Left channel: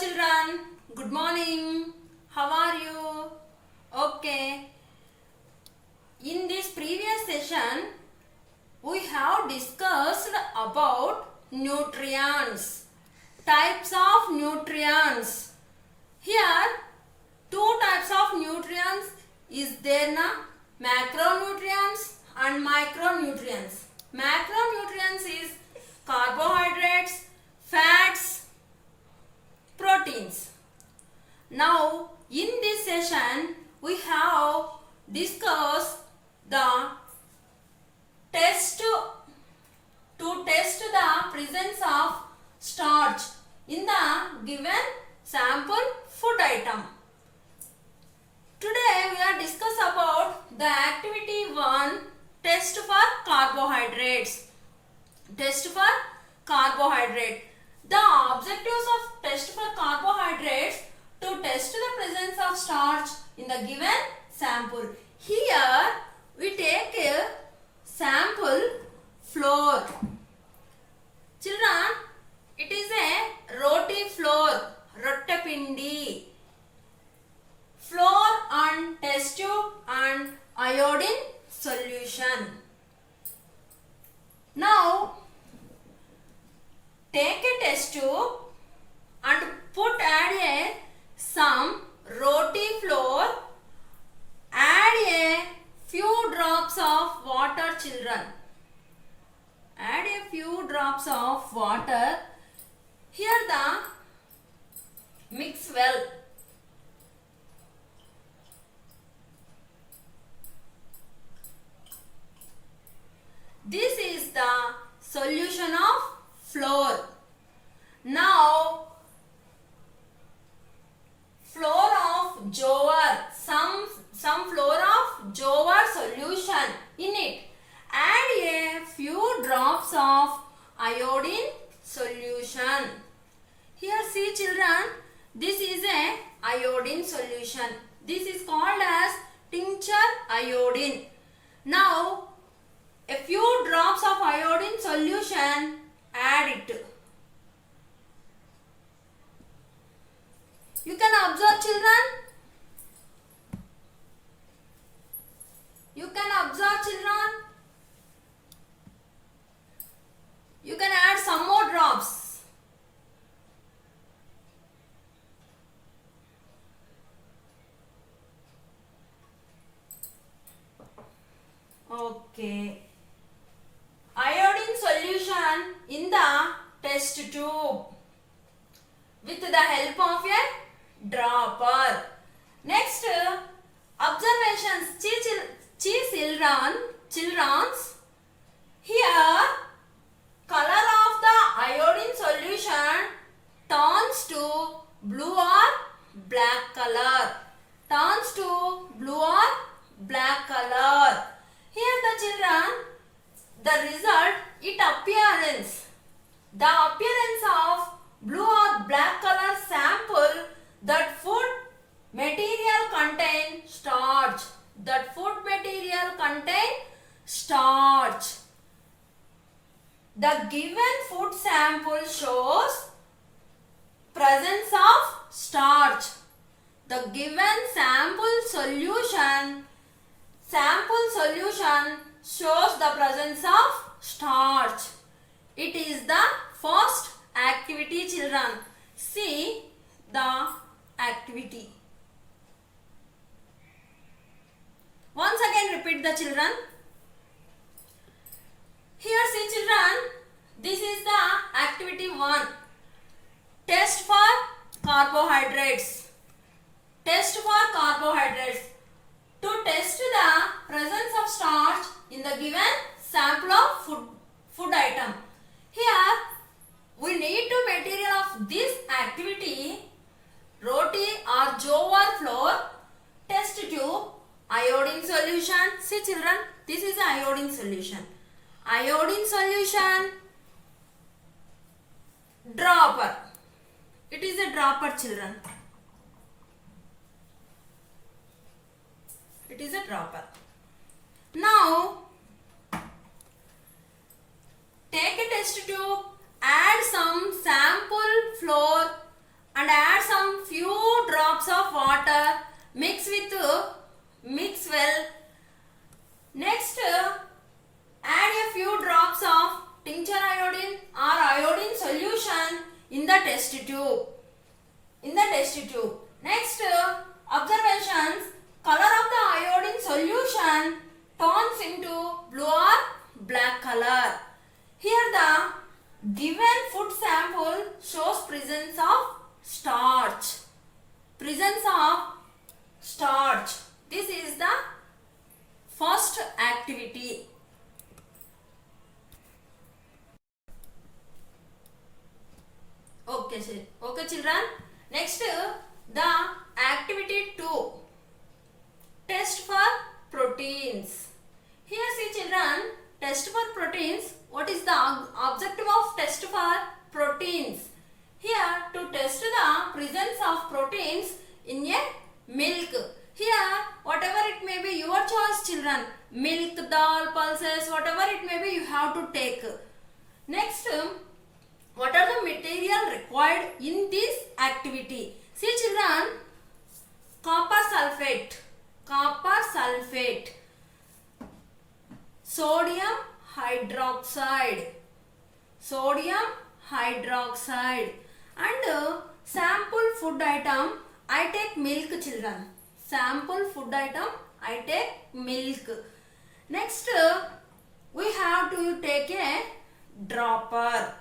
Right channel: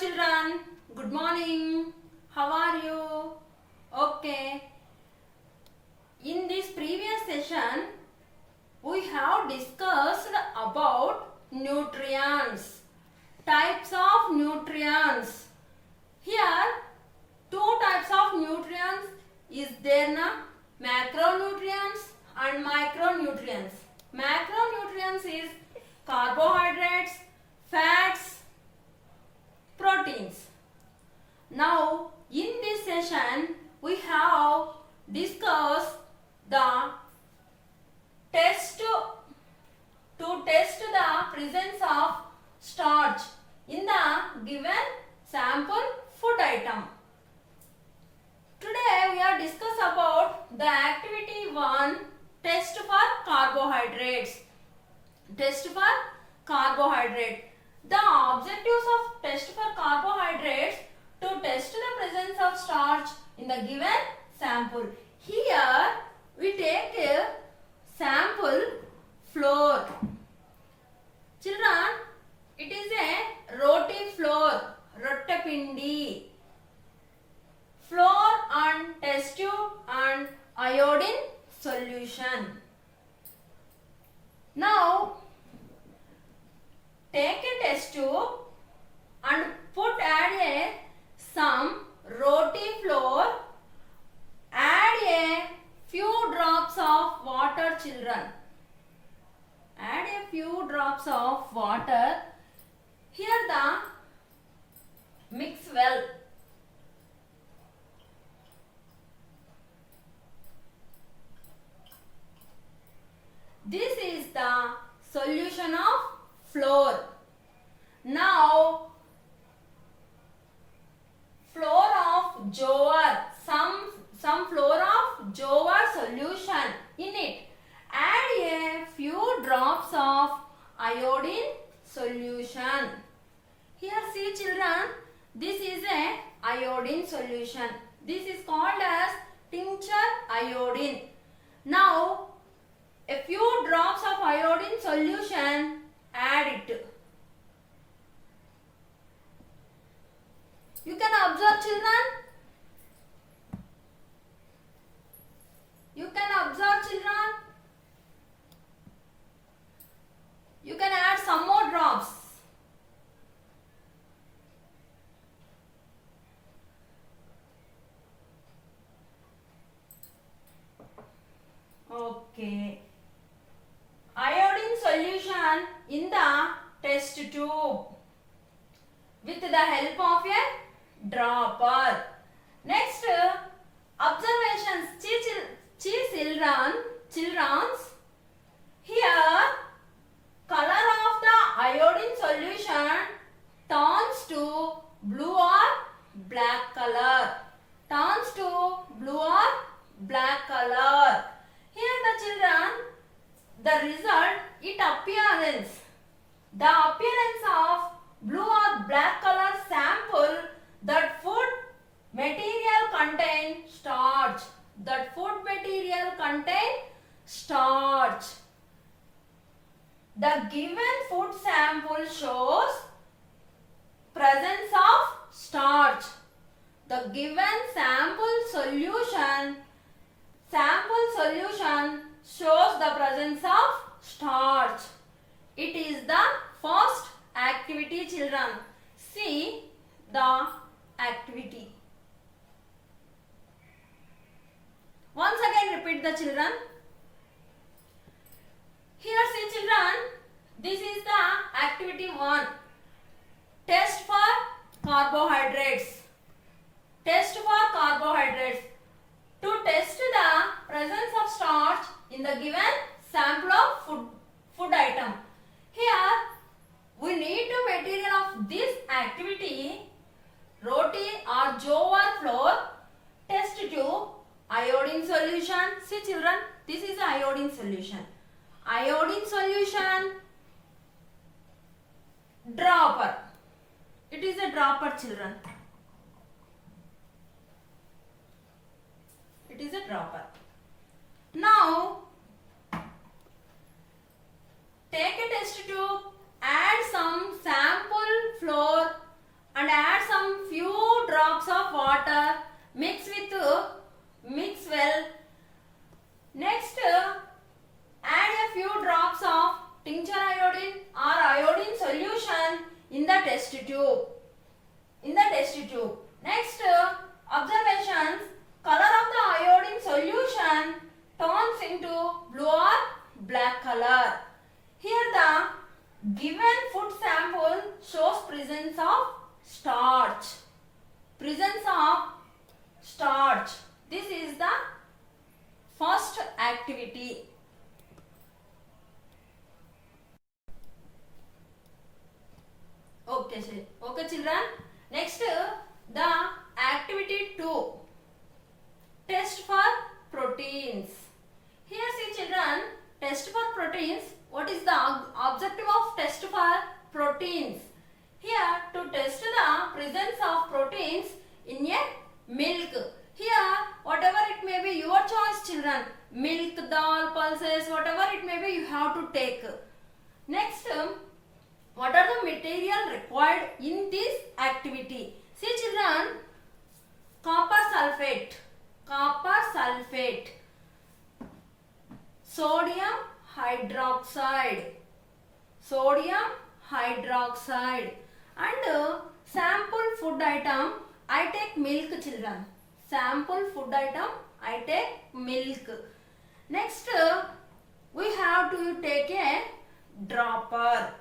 children. Good morning. How are you? Okay. In this previous session, we have discussed about nutrients. Types of nutrients. Here, two types of nutrients is there na? Macronutrients and micronutrients. Macronutrients is carbohydrates, fats, proteins. Now, in this session, we have discussed the test to test the presence of starch in the given sample food item. Today, we are discuss about the activity 1, test for carbohydrates. Test for carbohydrate. The objectives of test for carbohydrates to test the presence of starch in the given sample. Here we take a sample flour. Children, it is a roti flour, rottapindi. Flour and test tube and iodine solution. Now, take a test tube and add some roti flour, add a few drops of water, children. Add a few drops of water. Here the mix well. This is the solution of flour. Now, flour of jowar, some flour of jowar solution in it. Add a few drops of iodine solution. Here see children, this is a iodine solution. This is called as tincture iodine. Now, a few drops of iodine solution, add it. You can observe children. You can observe children. You can add some more drops. Okay. Iodine solution in the test tube with the help of a dropper. Next, observations. Children's. Here, color of the iodine solution turns to blue or black color. Turns to blue or black color. Here the children, the result, the appearance of blue or black color sample, that food material contain starch. That food material contain starch. The given food sample shows presence of starch. The given sample solution shows the presence of starch. It is the first activity, children. See the activity. Once again repeat the children. Here see children, this is the activity 1. Test for carbohydrates. Test for carbohydrates. To test the presence of starch in the given sample of food item. Here we need to material of this activity, roti or jowar flour, test tube, iodine solution. See children, this is iodine solution. Iodine solution, dropper. It is a dropper, children. It is a dropper. Now, take a test tube, add some sample flour and add well. Next, add a few drops of tincture iodine or iodine solution in the test tube. Next, observations. Color of the iodine solution turns into blue or black color. Here the given food sample shows presence of starch. This is the first activity. Okay children. Next, the activity 2. Test for proteins. Here see children, test for proteins. What is the objective of test for proteins? Here to test the presence of proteins in a milk. Here whatever it may be your choice children. Milk, dal, pulses, whatever it may be you have to take. Next, what are the material required in this activity? See children, copper sulfate, sodium hydroxide, and sample food item. I take milk children. Sample food item I take milk. Next, we have to take a dropper.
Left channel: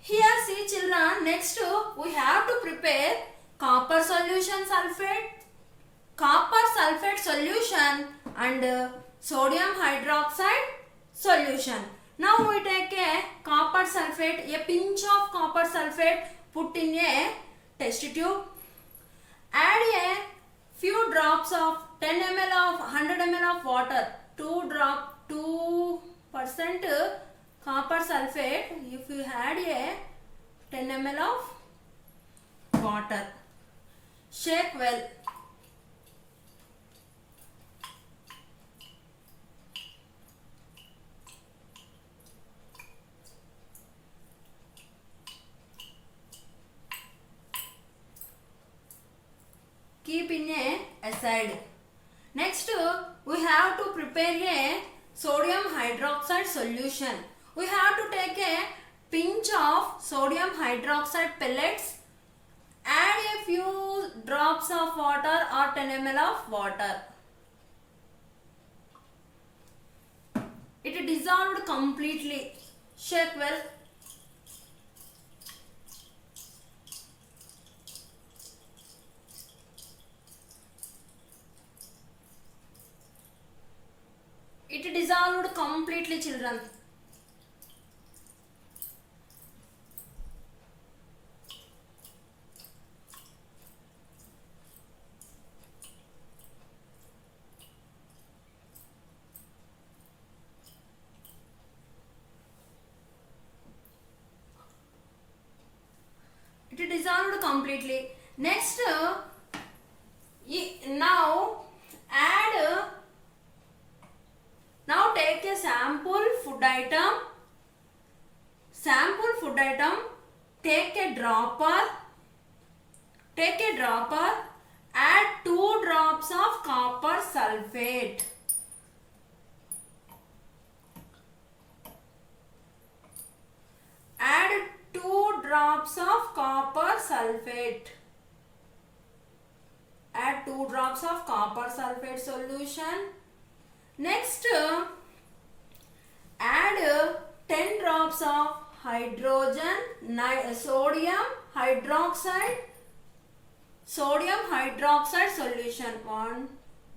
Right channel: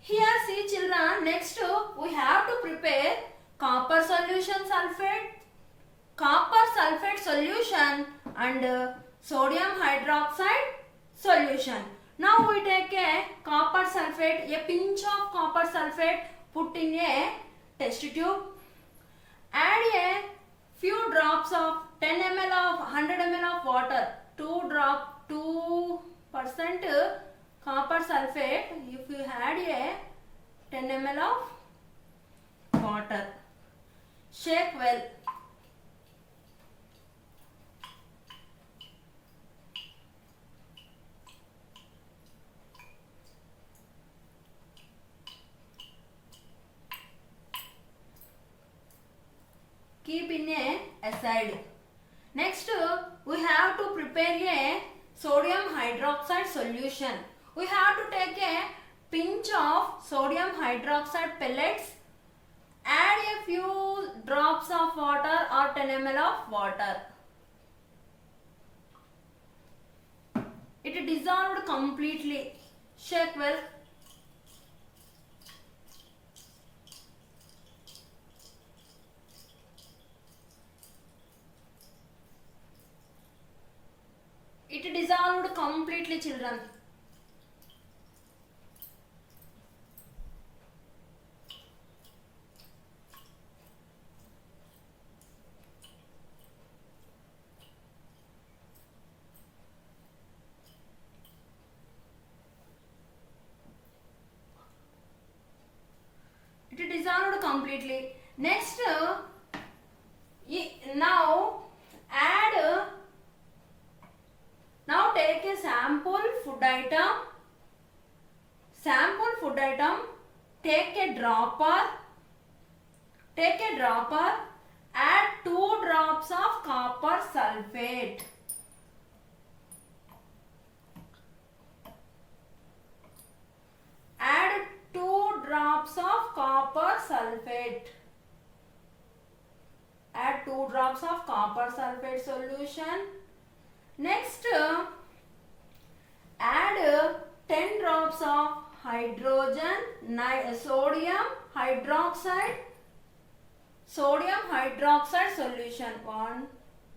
Here see children, next we have to prepare copper sulfate solution and sodium hydroxide solution. Now we take a copper sulfate, a pinch of copper sulfate, put in a test tube. Add a few drops of 10 ml of 100 ml of water. 2% copper sulfate. If you add a 10 ml of water, shake well. Keep in a aside. Next, we have to prepare a sodium hydroxide solution. We have to take a pinch of sodium hydroxide pellets, add a few drops of water or 10 ml of water. It dissolved completely. Shake well. It dissolved completely children. It dissolved completely. Next, now take a sample food item. Take a dropper. Add 2 drops of copper sulfate. Add 2 drops of copper sulfate solution. Next, add 10 drops of sodium hydroxide solution. 1,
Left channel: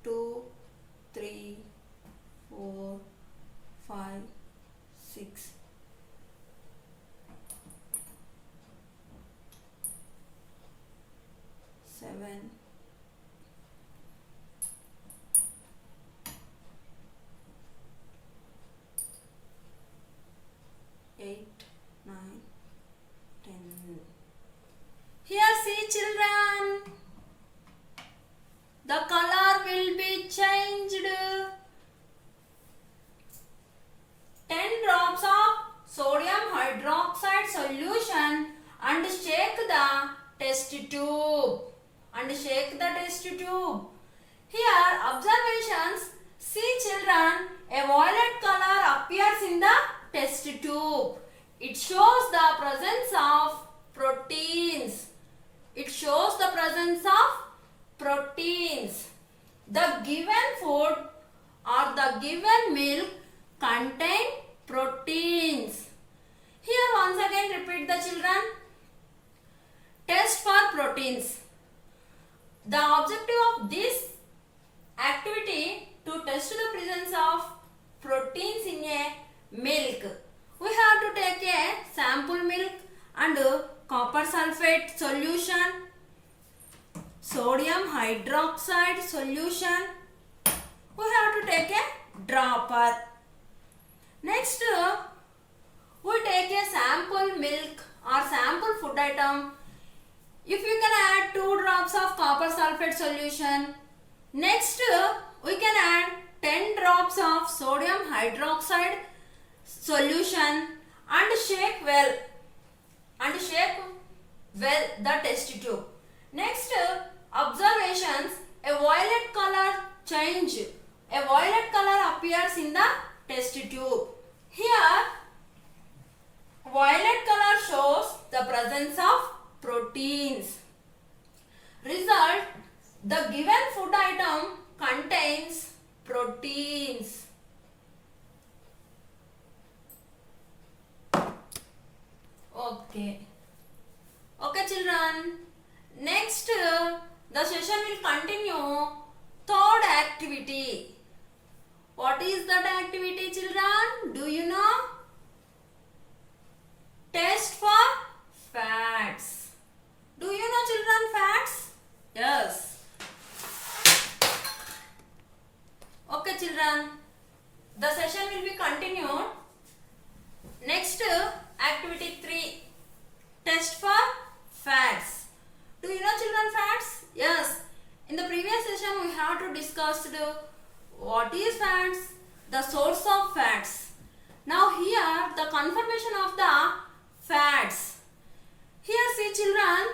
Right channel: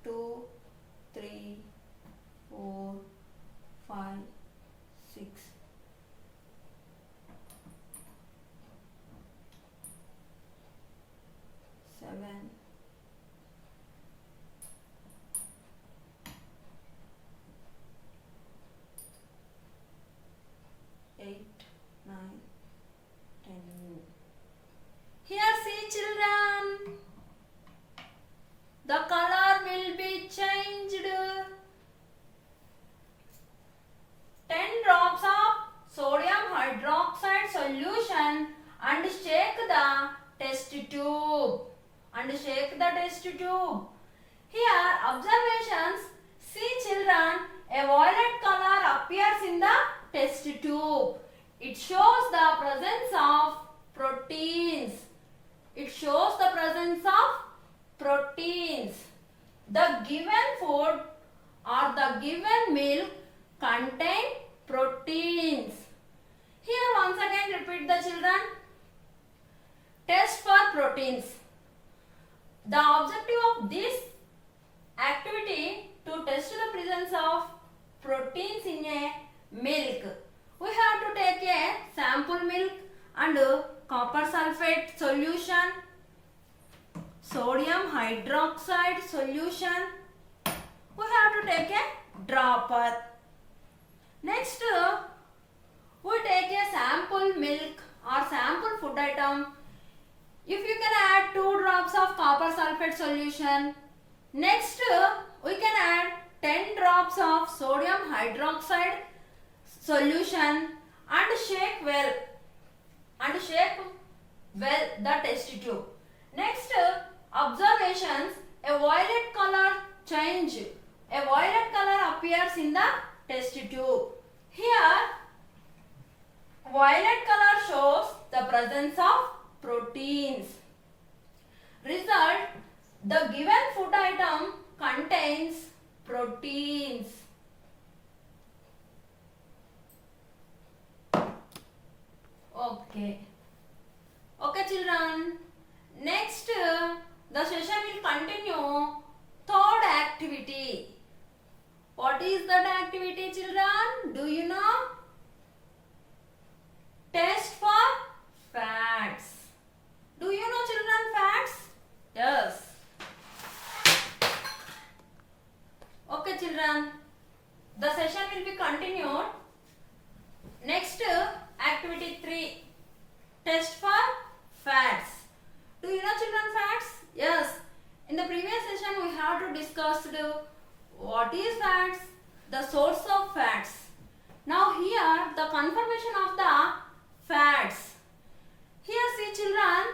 2, 3, 4, 5, 6. 7, 8, 9, 10. Here see children, the color will be changed. 10 drops of sodium hydroxide solution and shake the test tube. Here observations. See children, a violet color appears in the test tube. It shows the presence of proteins. It shows the presence of proteins. The given food or the given milk contain proteins. Here once again repeat the children. Test for proteins. The objective of this activity to test the presence of proteins in a milk. We have to take a sample milk and copper sulfate solution, sodium hydroxide solution. We have to take a dropper. Next, we take a sample milk or sample food item. If you can add 2 drops of copper sulfate solution. Next, we can add 10 drops of sodium hydroxide solution and shake well the test tube. Next, observations. A violet color change. A violet color appears in the test tube. Here, violet color shows the presence of proteins. Result, the given food item contains proteins. Okay children. Next, the session will continue. Third activity. What is that activity children? Do you know? Test for fats. Do you know children fats? Yes. Okay children. The session will be continued. Next, activity 3. Test for fats. Do you know children fats? Yes. In the previous session we have to discuss what is fats, the source of fats. Now here the conformation of the fats. Here see children,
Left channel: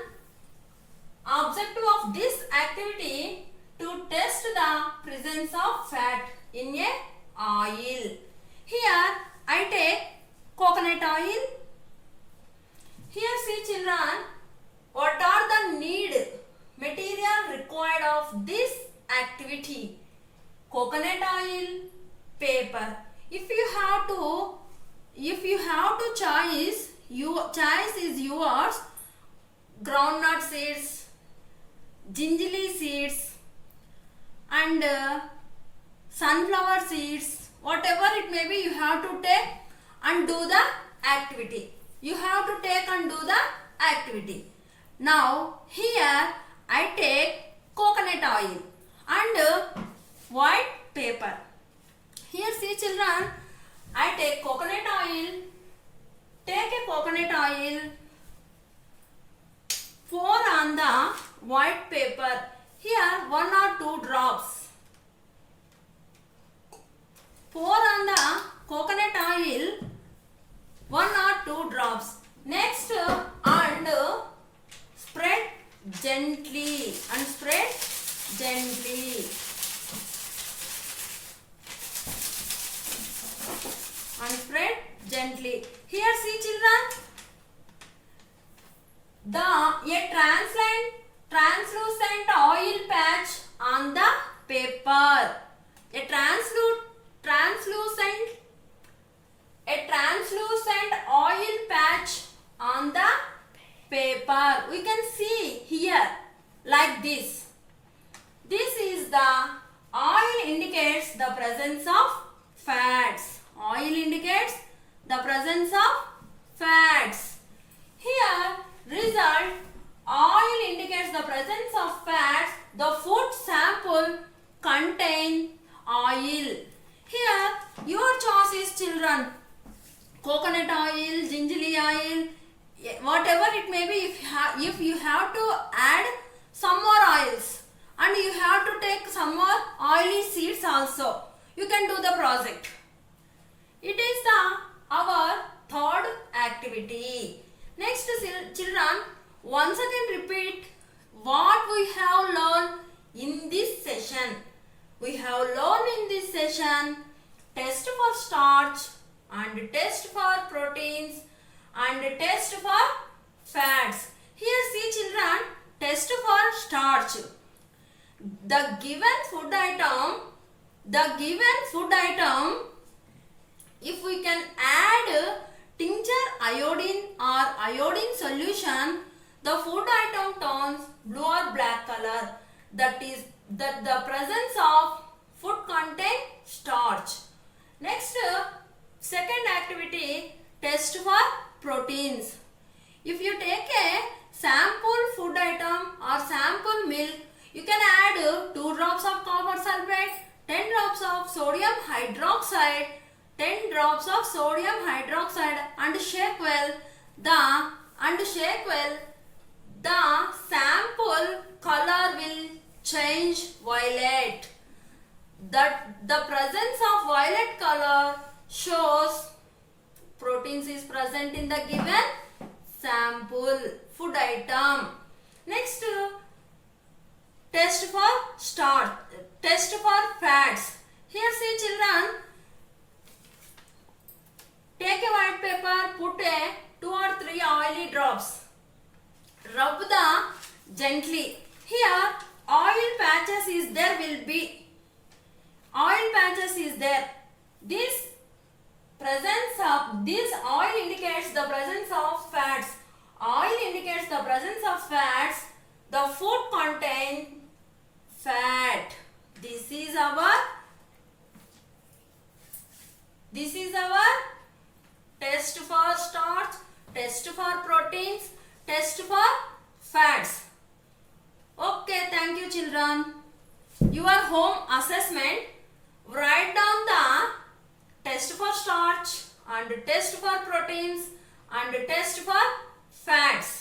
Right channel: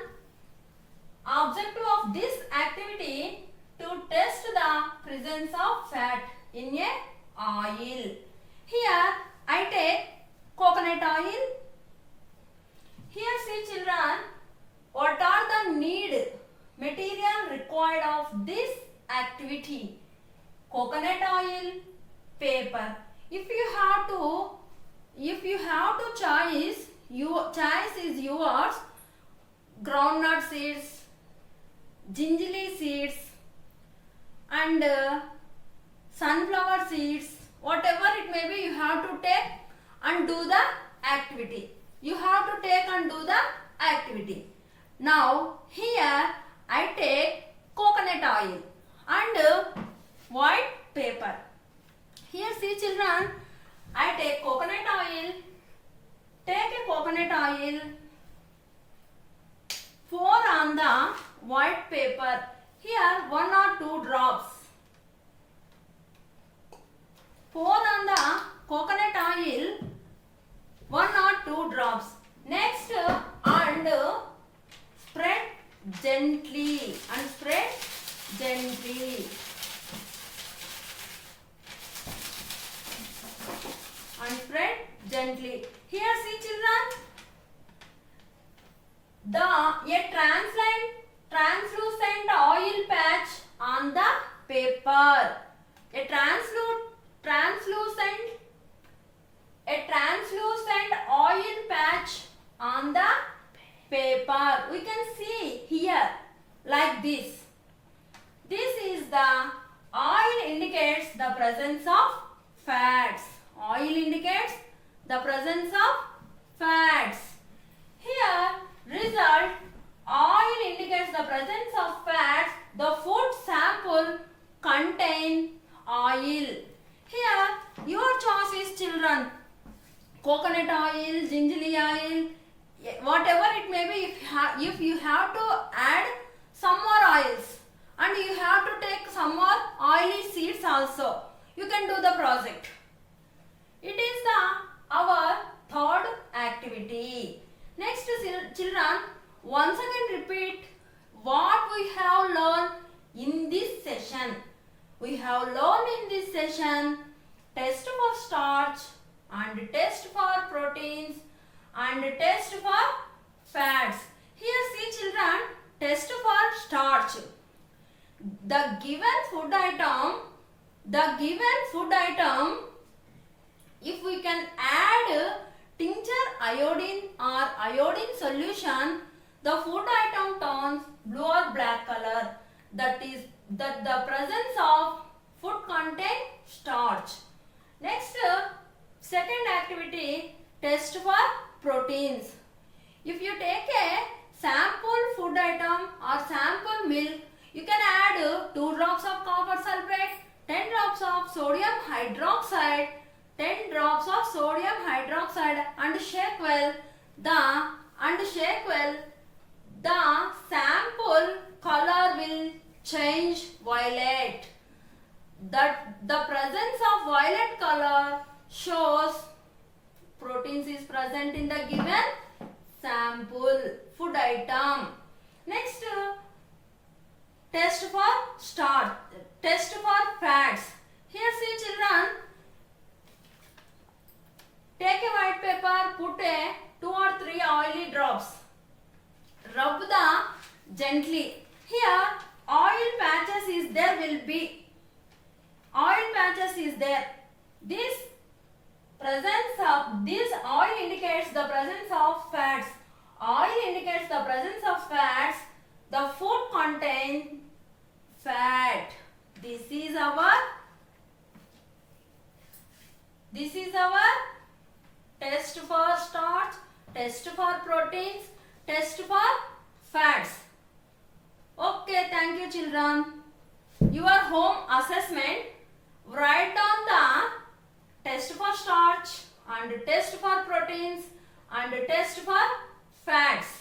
objective of this activity to test the presence of fat in a oil. Here I take coconut oil. Here see children, what are the material required of this activity? Coconut oil, paper. If you have to choice, your choice is yours. Groundnut seeds, gingerly seeds and sunflower seeds, whatever it may be, you have to take and do the activity. You have to take and do the activity. Now here I take coconut oil and white paper. Here see children, I take coconut oil. Take a coconut oil, pour on the white paper. Here 1 or 2 drops. Pour on the coconut oil 1 or 2 drops. Next, and spread gently and spread gently. And spread gently. Here see children, a translucent oil patch on the paper. A translucent oil patch on the paper. We can see here like this. This is the oil indicates the presence of fats. Oil indicates the presence of fats. Here result, oil indicates the presence of fats. The food sample contain oil. Here your choice is children. Coconut oil, gingerly oil, whatever it may be. If you have to add some more oils and you have to take some more oily seeds also, you can do the project. It is our third activity. Next children, once again repeat what we have learned in this session. We have learned in this session test for starch and test for proteins and test for fats. Here see children, test for starch. The given food item, if we can add tincture iodine or iodine solution, the food item turns blue or black color. That is that the presence of food contain starch. Next, second activity, test for proteins. If you take a sample food item or sample milk, you can add 2 drops of copper sulfate, 10 drops of sodium hydroxide, 10 drops of sodium hydroxide and shake well. The sample color will change violet. The presence of violet color shows proteins is present in the given sample food item. Next, test for starch, test for fats. Here see children, take a white paper, put a 2 or 3 oily drops, rub the gently. Here oil patches is there, will be oil patches is there. This oil indicates the presence of fats. Oil indicates the presence of fats. The food contains fat. This is our test for starch, test for proteins, test for fats. Okay, thank you children. Your home assessment, write down the test for starch and test for proteins and test for fats.